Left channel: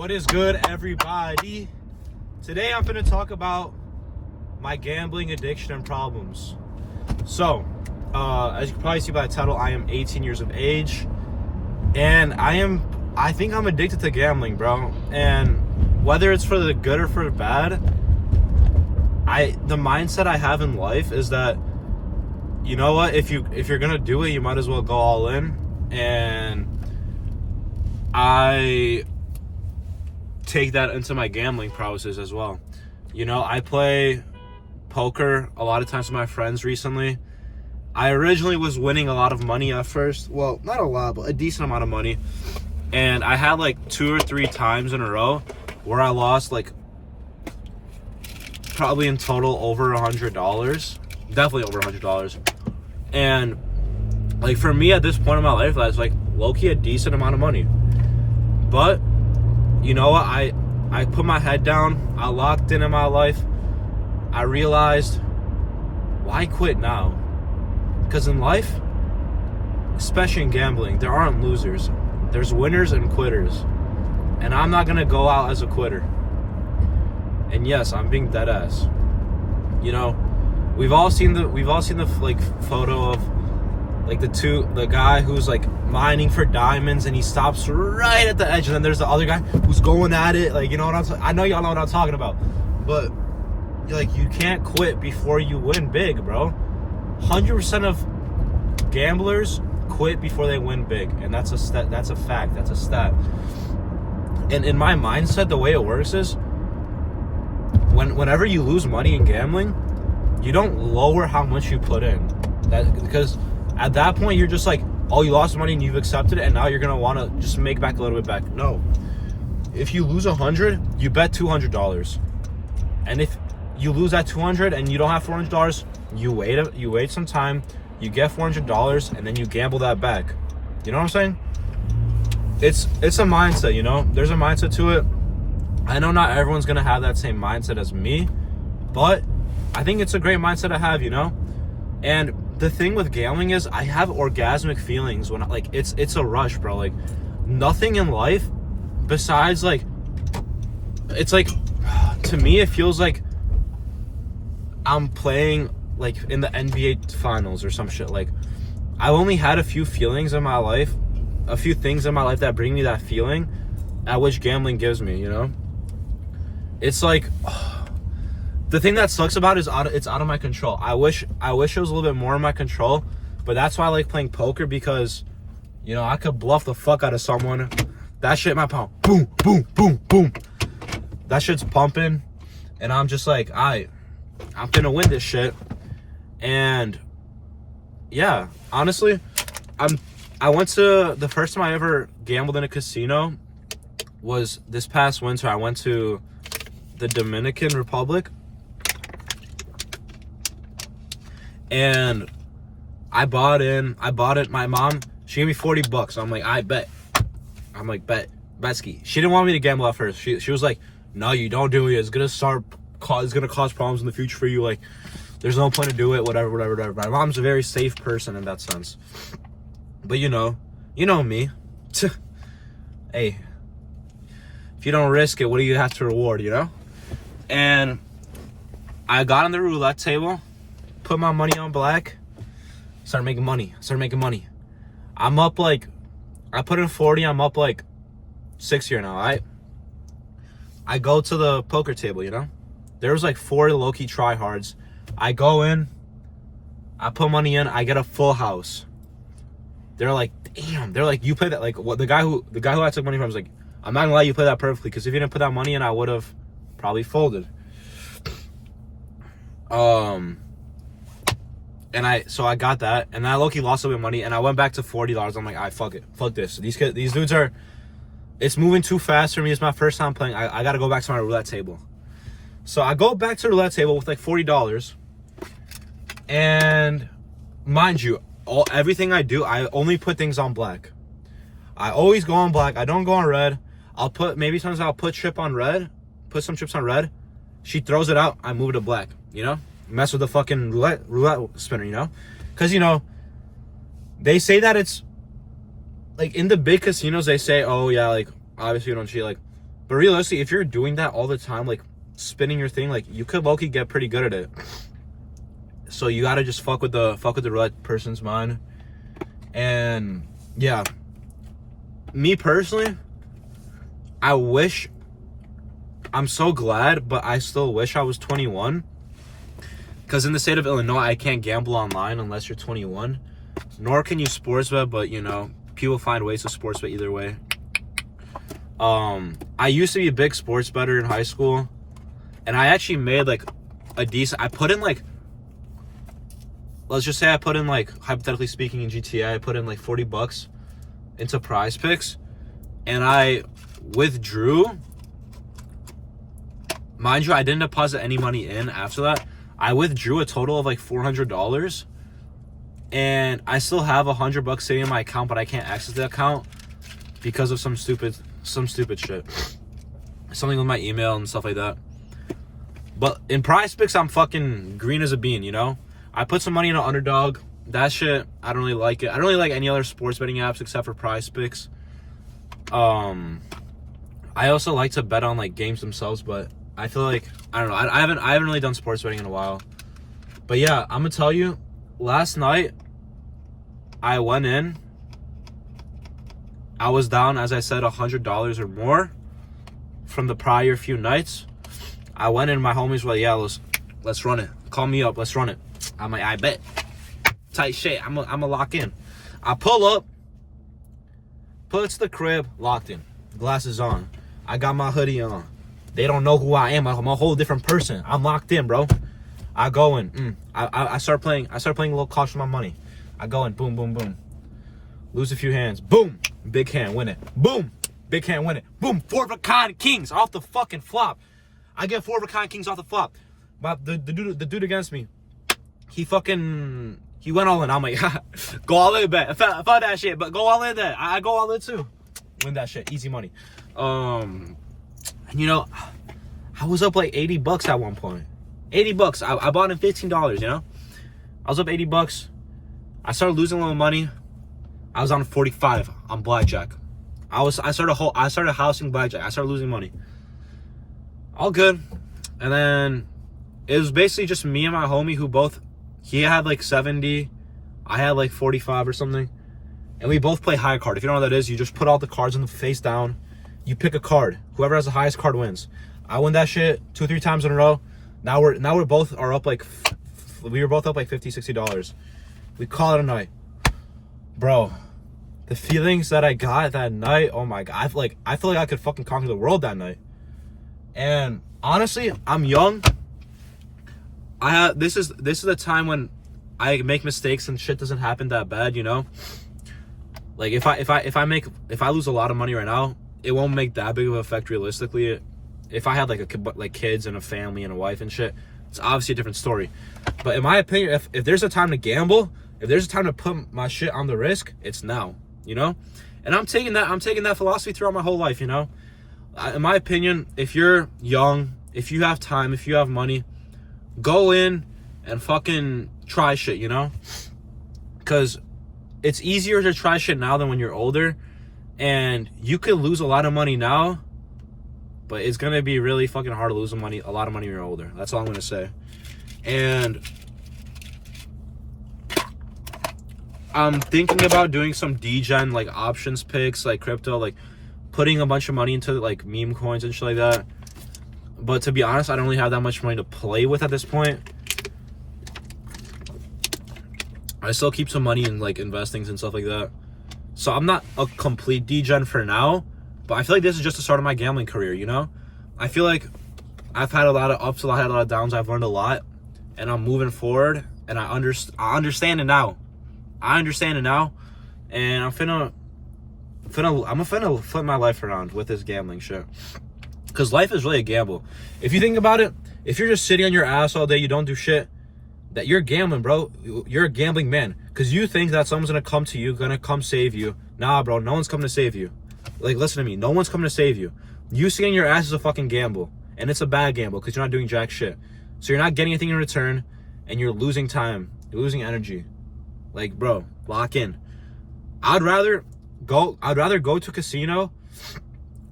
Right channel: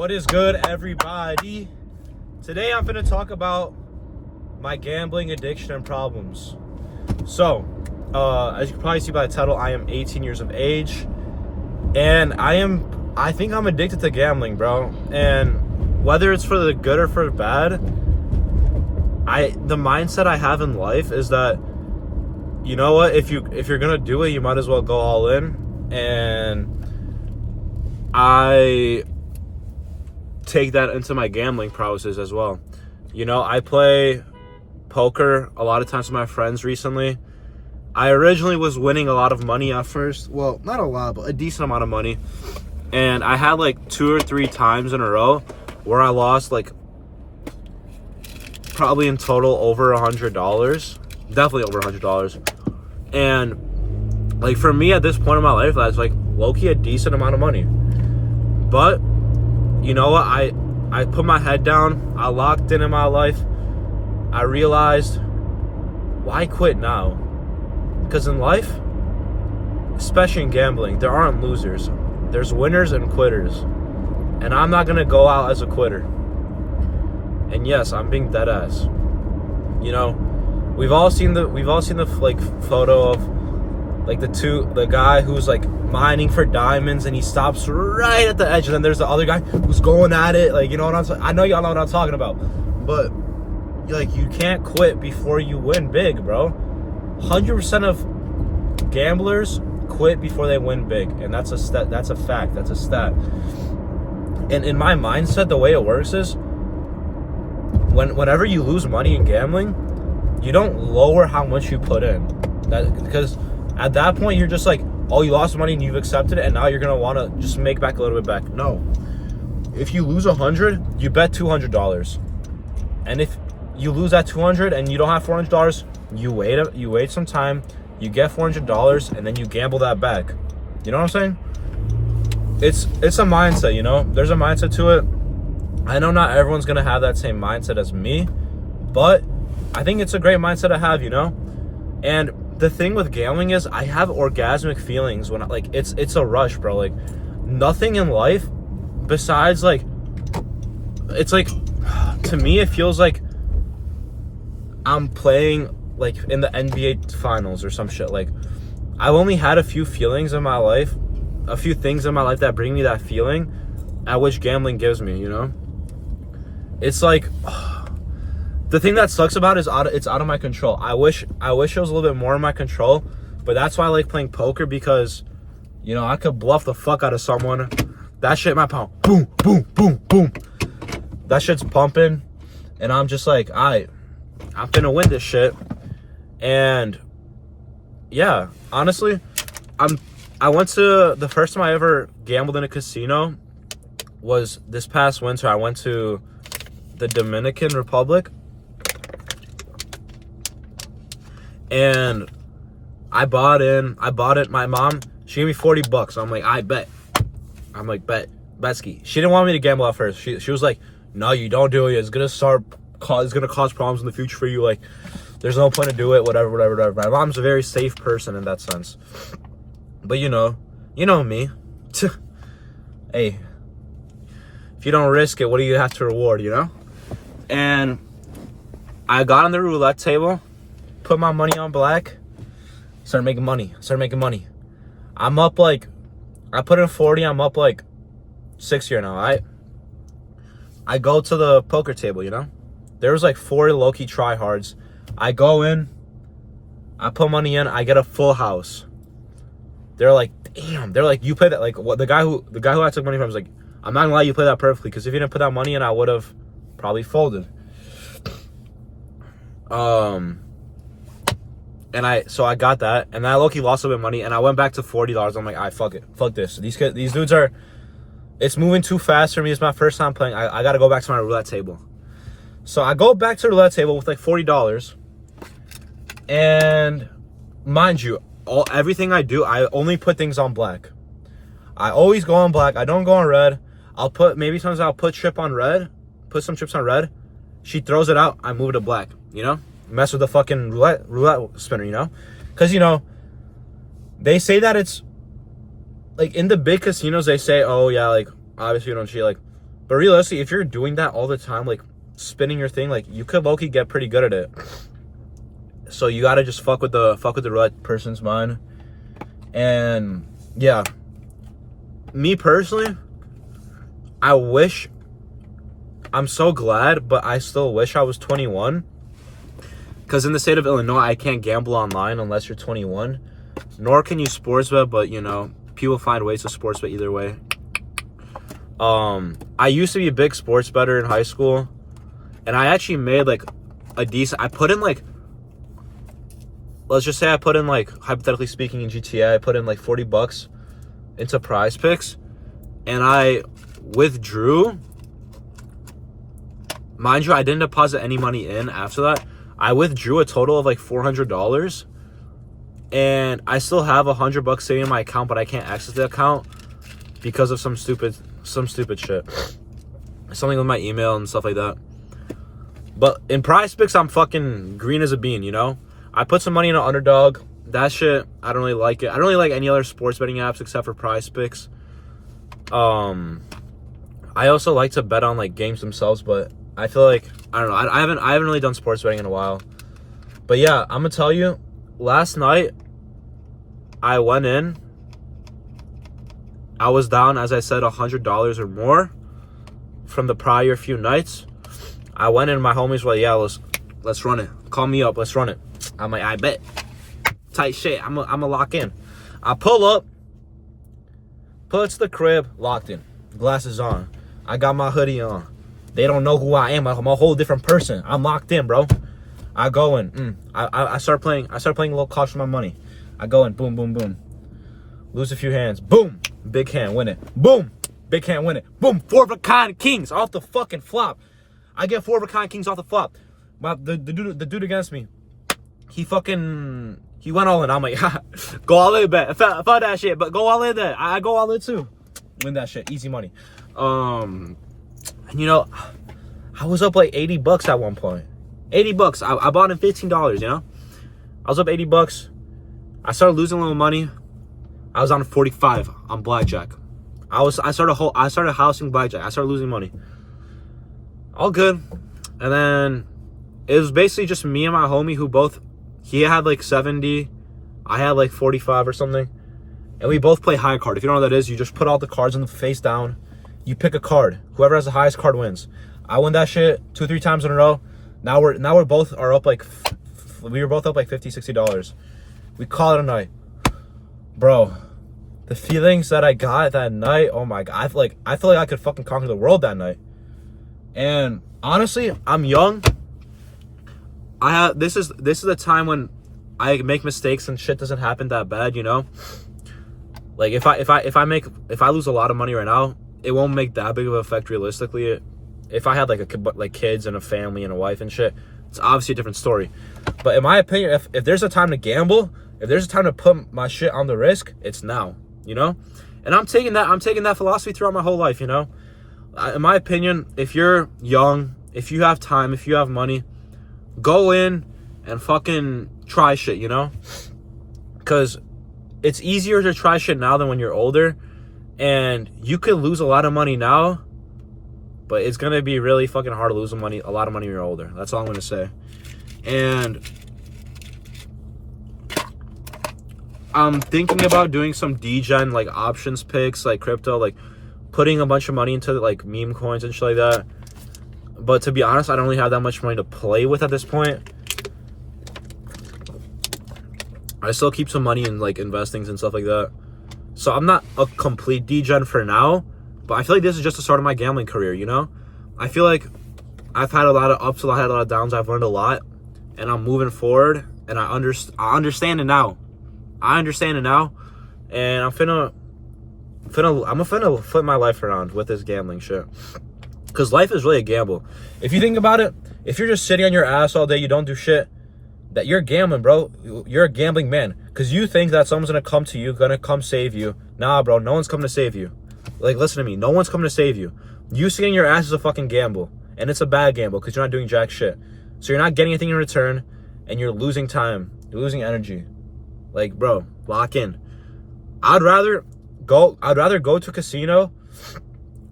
What is good, everybody? Today I'm going to talk about my gambling addiction and problems. So, as you can probably see by the title, I am 18 years of age, and I think I'm addicted to gambling, bro. And whether it's for the good or for the bad, the mindset I have in life is that, you know what, if you're gonna do it, you might as well go all in. And I take that into my gambling prowesses as well. You know, I play poker a lot of times with my friends recently. I originally was winning a lot of money at first. Well, not a lot, but a decent amount of money. And I had like 2 or 3 times in a row where I lost like probably in total over $100. Definitely over $100. And like for me at this point in my life, that's like low-key a decent amount of money. But you know what? I put my head down. I locked in my life. I realized, why quit now? Because in life, especially in gambling, there aren't losers. There's winners and quitters. And I'm not gonna go out as a quitter. And yes, I'm being dead ass. You know, we've all seen the like photo of like the guy who's like mining for diamonds and he stops right at the edge, and then there's the other guy who's going at it, like, you know what I'm saying? I know y'all know what I'm talking about. But like, you can't quit before you win big, bro. 100% of gamblers quit before they win big, and that's a fact. That's a stat. And in my mindset, the way it works is whenever you lose money in gambling, you don't lower how much you put in. Because at that point, you're just like, oh, you lost money and you've accepted it, and now you're gonna want to just make back a little bit back. No. If you lose 100, you bet $200. And if you lose that 200 and you don't have $400, you wait some time, you get $400, and then you gamble that back. You know what I'm saying? It's a mindset, you know? There's a mindset to it. I know not everyone's gonna have that same mindset as me, but I think it's a great mindset to have, you know? And the thing with gambling is I have orgasmic feelings when it's a rush, bro. Like, nothing in life besides like, it's like, to me it feels like I'm playing like in the NBA finals or some shit. Like, I've only had a few feelings in my life, a few things in my life that bring me that feeling, at which gambling gives me, you know? It's like, the thing that sucks about it is it's out of my control. I wish it was a little bit more in my control, but that's why I like playing poker, because, you know, I could bluff the fuck out of someone. That shit might pump. Boom, boom, boom, boom. That shit's pumping, and I'm just like, I'm finna win this shit. And yeah, honestly, the first time I ever gambled in a casino was this past winter. I went to the Dominican Republic, and I bought it. My mom, she gave me $40. I'm like, I bet. I'm like, Betsky. She didn't want me to gamble at first. She was like, no, you don't do it. It's gonna cause problems in the future for you. Like, there's no point to do it. Whatever. My mom's a very safe person in that sense. But you know me. Hey, if you don't risk it, what do you have to reward? You know. And I got on the roulette table, put my money on black, started making money. I'm up like, I put in 40, I'm up like 6 here now, alright? I go to the poker table, you know? There was like 4 low-key tryhards. I go in, I put money in, I get a full house. They're like, damn, you play that, like, what, the guy who I took money from was like, I'm not gonna let you play that perfectly, because if you didn't put that money in, I would have probably folded. So I got that, and I low-key lost a bit of money, and I went back to $40. I'm like, fuck it, fuck this. These dudes are, it's moving too fast for me. It's my first time playing. I gotta go back to my roulette table. So I go back to the roulette table with like $40, and mind you, everything I do, I only put things on black. I always go on black. I don't go on red. Sometimes I'll put put some chips on red. She throws it out. I move it to black, you know? Mess with the fucking roulette spinner, you know? Because, you know, they say that it's, like, in the big casinos, they say, oh, yeah, like, obviously you don't cheat. Like, But realistically, if you're doing that all the time, like spinning your thing, like you could low-key get pretty good at it. So you gotta just fuck with the right person's mind. And yeah, me personally, I'm so glad, but I still wish I was 21. Because in the state of Illinois, I can't gamble online unless you're 21. Nor can you sports bet, but you know, people find ways to sports bet either way. I used to be a big sports bettor in high school. And I actually made like a decent, I put in like, let's just say I put in like, hypothetically speaking, in GTA, I put in like $40 into Prize Picks. And I withdrew. Mind you, I didn't deposit any money in after that. I withdrew a total of like $400. And I still have $100 sitting in my account, but I can't access the account because of some stupid shit. Something with my email and stuff like that. But in Prize Picks, I'm fucking green as a bean, you know? I put some money in an underdog. That shit, I don't really like it. I don't really like any other sports betting apps except for Prize Picks. I also like to bet on like games themselves, but I feel like, I don't know, I haven't really done sports betting in a while. But yeah, I'm gonna tell you, last night I went in. I was down, as I said, $100 or more from the prior few nights. I went in, my homies were like, yeah, let's run it. Call me up, let's run it. I'm like, I bet. Tight shit, I'm gonna lock in. I pull up to the crib, locked in. Glasses on. I got my hoodie on. They don't know who I am. I'm a whole different person. I'm locked in, bro. I go in. I start playing a little cautious with my money. I go in, boom, boom, boom. Lose a few hands. Boom. Big hand, win it. Boom. Big hand, win it. Boom. 4 of a kind kings off the fucking flop. I get 4 of a kind kings off the flop. The dude against me, he went all in. I'm like, go all in, bet. Fuck that shit, but go all in then. I go all in too. Win that shit. Easy money. And you know, I was up like $80 at one point. $80. I bought in $15, you know? I was up $80. I started losing a little money. I was on 45 on blackjack. I started housing blackjack. I started losing money. All good. And then it was basically just me and my homie who both, he had like 70, I had like 45 or something. And we both play high card. If you don't know what that is, you just put all the cards on the face down. You pick a card. Whoever has the highest card wins. I win that shit 2-3 times in a row. Now we're both are up like, we were both up like $50, $60. We call it a night. Bro, the feelings that I got that night, oh my God. I feel like I could fucking conquer the world that night. And honestly, I'm young. This is a time when I make mistakes and shit doesn't happen that bad, you know? Like if I lose a lot of money right now, it won't make that big of an effect realistically. If I had like kids and a family and a wife and shit, it's obviously a different story. But in my opinion, if there's a time to gamble, if there's a time to put my shit on the risk, it's now, you know? And I'm taking that philosophy throughout my whole life, you know? In my opinion, if you're young, if you have time, if you have money, go in and fucking try shit, you know? Because it's easier to try shit now than when you're older. And you could lose a lot of money now, but it's going to be really fucking hard to lose a lot of money when you're older. That's all I'm going to say. And I'm thinking about doing some degen, like options picks, like crypto, like putting a bunch of money into like meme coins and shit like that. But to be honest, I don't really have that much money to play with at this point. I still keep some money in like investings and stuff like that. So I'm not a complete degen for now, but I feel like this is just the start of my gambling career, you know? I feel like I've had a lot of ups, I've had a lot of downs, I've learned a lot, and I'm moving forward, and I understand it now. I understand it now, and I'm finna flip my life around with this gambling shit. Because life is really a gamble. If you think about it, if you're just sitting on your ass all day, you don't do shit, that you're gambling, bro. You're a gambling man. Because you think that someone's going to come to you, going to come save you. Nah, bro, no one's coming to save you. Like, listen to me. No one's coming to save you. You sitting on your ass is a fucking gamble. And it's a bad gamble because you're not doing jack shit. So you're not getting anything in return, and you're losing time. You're losing energy. Like, bro, lock in. I'd rather go to a casino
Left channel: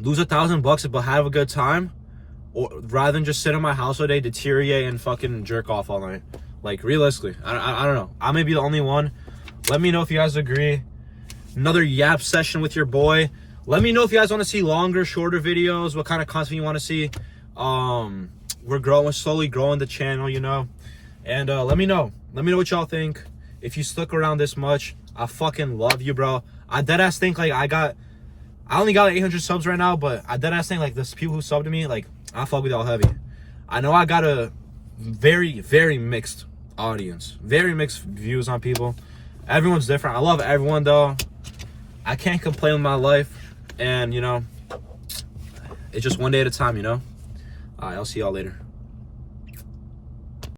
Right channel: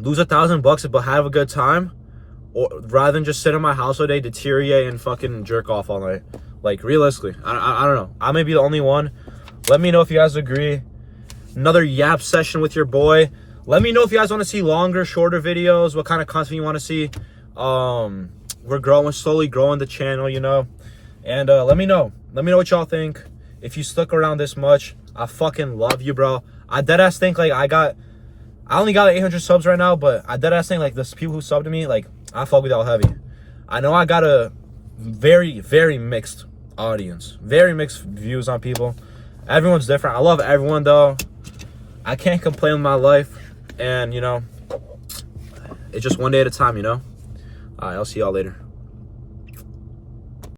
lose $1,000 but have a good time, or rather than just sit in my house all day, deteriorate and fucking jerk off all night. Like, realistically, I don't know. I may be the only one. Let me know if you guys agree. Another yap session with your boy. Let me know if you guys want to see longer, shorter videos, what kind of content you want to see. We're slowly growing the channel, you know. And let me know what y'all think. If you stuck around this much, I fucking love you, bro. I deadass think, like, I only got like 800 subs right now, but I deadass think, like, the people who subbed to me, like, I fuck with y'all heavy. I know I got a very, very mixed audience. Very mixed views on people. Everyone's different. I love everyone, though. I can't complain with my life. And, you know, it's just one day at a time, you know? All right, I'll see y'all later.